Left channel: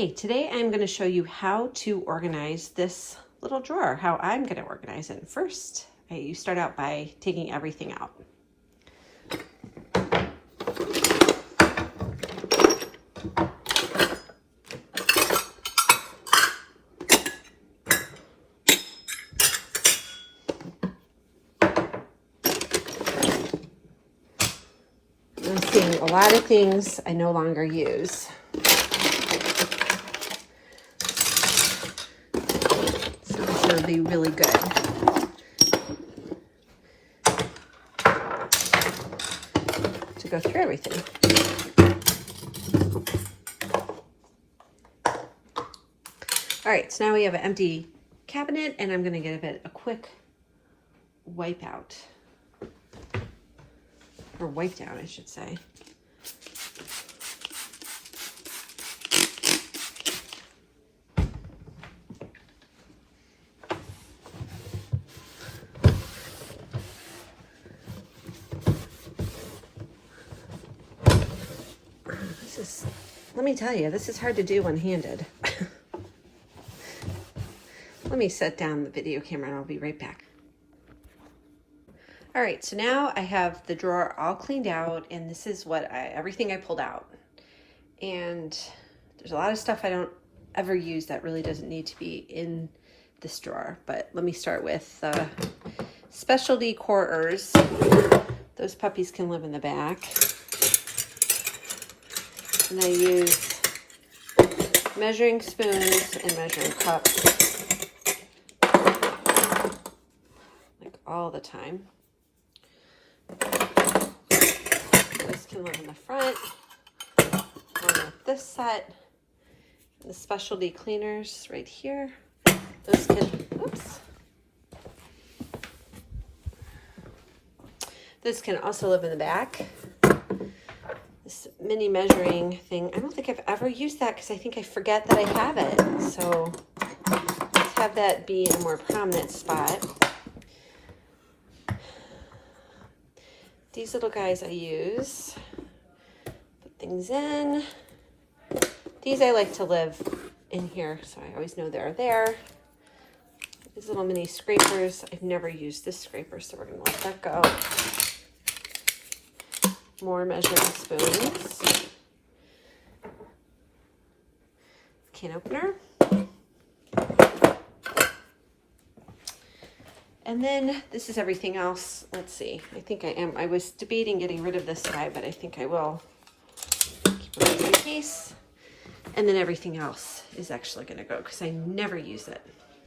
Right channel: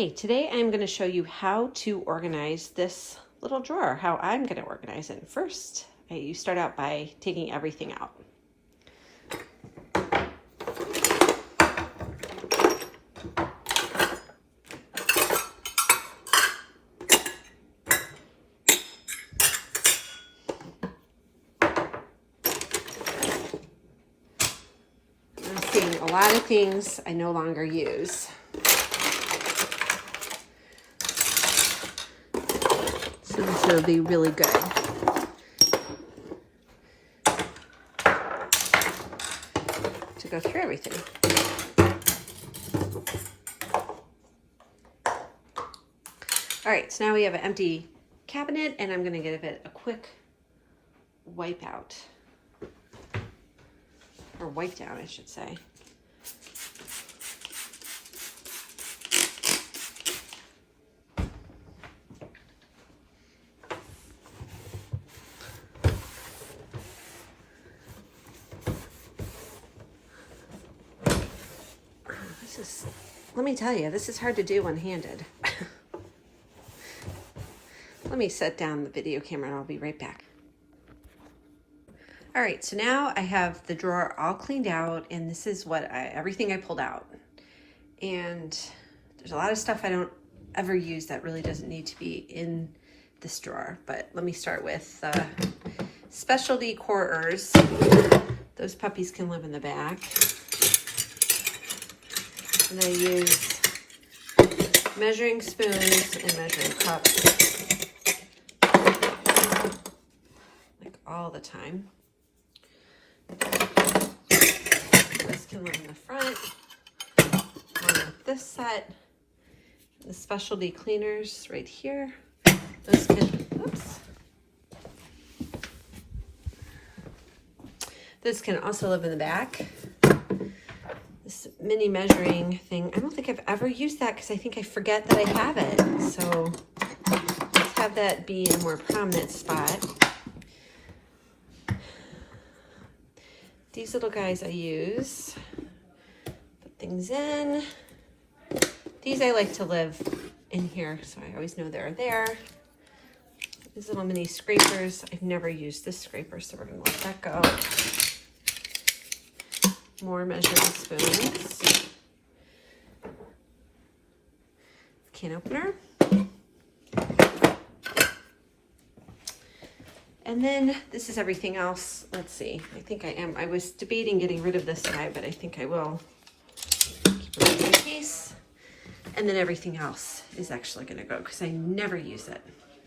Okay, today I'm going to show you how to organize this little drawer, how I'm going to organize it. First, you start out by taking everything out. I'm seeing a lot of things I no longer use. So this will be really good. To go through everything. All right, so now we have an empty cabinet and I'm gonna give it a quick wipe out. Or wipe down, I should say. Let me tell you, this is hard to do one-handed. Let me set down the video camera and I'll be right back. All right, so now I have the drawer all cleaned out and this is what everything I pulled out. And there's a lot of stuff I don't ever use that really doesn't need to be in this drawer. But let me start with specialty declutters. Those puppies can live in the back. And I use measuring spoons and measuring cups, like all the time. This can live in the front, along with this set. The specialty cleaners right here. Those can, oops. This can also live in the back. This mini measuring thing, I don't think I've ever used that because I think I forget that I have it. So let's have that be a more prominent spot. These little guys I use, put things in. These I like to live in here, so I always know they're there. These little mini scrapers, I've never used this scraper, so we're gonna let that go. More measuring spoons. Can opener. And then this is everything else. Let's see. I think I was debating getting rid of this guy, but I think I will keep it in case. And then everything else is actually going to go because I never use it.